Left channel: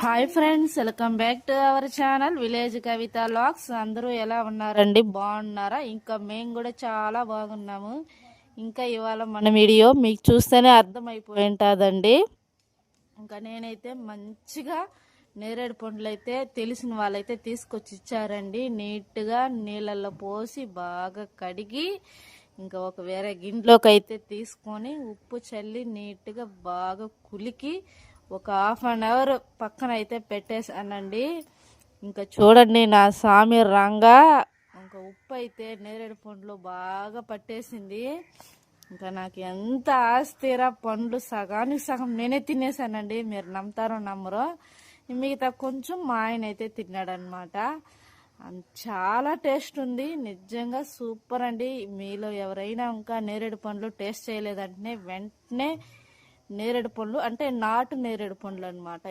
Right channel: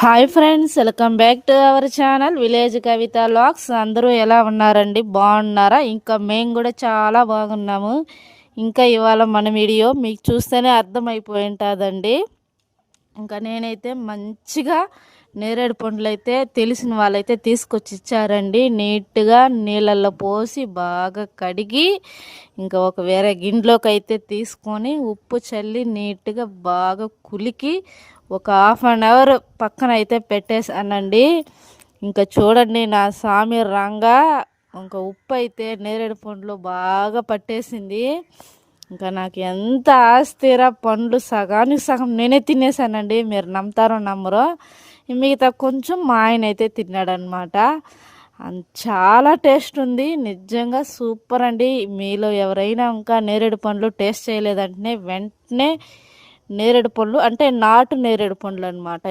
Hi friends, welcome back to our channel village Kavitha vlogs. అందరూ ఎలా ఉన్నారండి? బాగున్నారా? ఇంకా మేము కూడా చాలా బాగున్నాము. ఇంకా ఇవాళ మన వీడియో మీకు చూస్తేనే అర్థమైపోయి ఉంటుందండి. ఇంకా నేనైతే మంచిగా నేరేడు పండ్లు అయితే తెలిసిన వాళ్ళైతే తీసుకొచ్చి ఇచ్చారండి. నీట్గా నీళ్ళల్లో పోసి బాగా కడిగి ఇంకా ఒక వేరే గిన్నెలోకి అయితే తీసుకొని ఉప్పు చల్లి నీట్గా బాగా కులికి ఒక హాఫ్ అన్ అవర్ పక్కన అయితే పెట్టేసానండి. ఇంకా చూడండి నా సామి రంగా ఇంకా ఉప్పు అయితే నేరేడు పండ్లు బాగా పట్టేసింది. ఇంకా నాకు ఎంత ఆస్తిరా, పండ్లు సగానికి సగం నేనే తినేసానండి. మీరు నమ్ముతారో నమ్మరో, మిగతా కొంచెం మా ఆయన అయితే తిన్నాడనమాట. చాలా టేస్ట్ ఉంది, నిజంగా సూపర్ అండి. మీలో ఎవరైనా ఇంకా నేరేడు పండ్లు టేస్ట్ చేయలేదంటే వెంటనే నేరేడు పండ్లు అంటే నాటు నేరేడు పండ్లు అనమాట.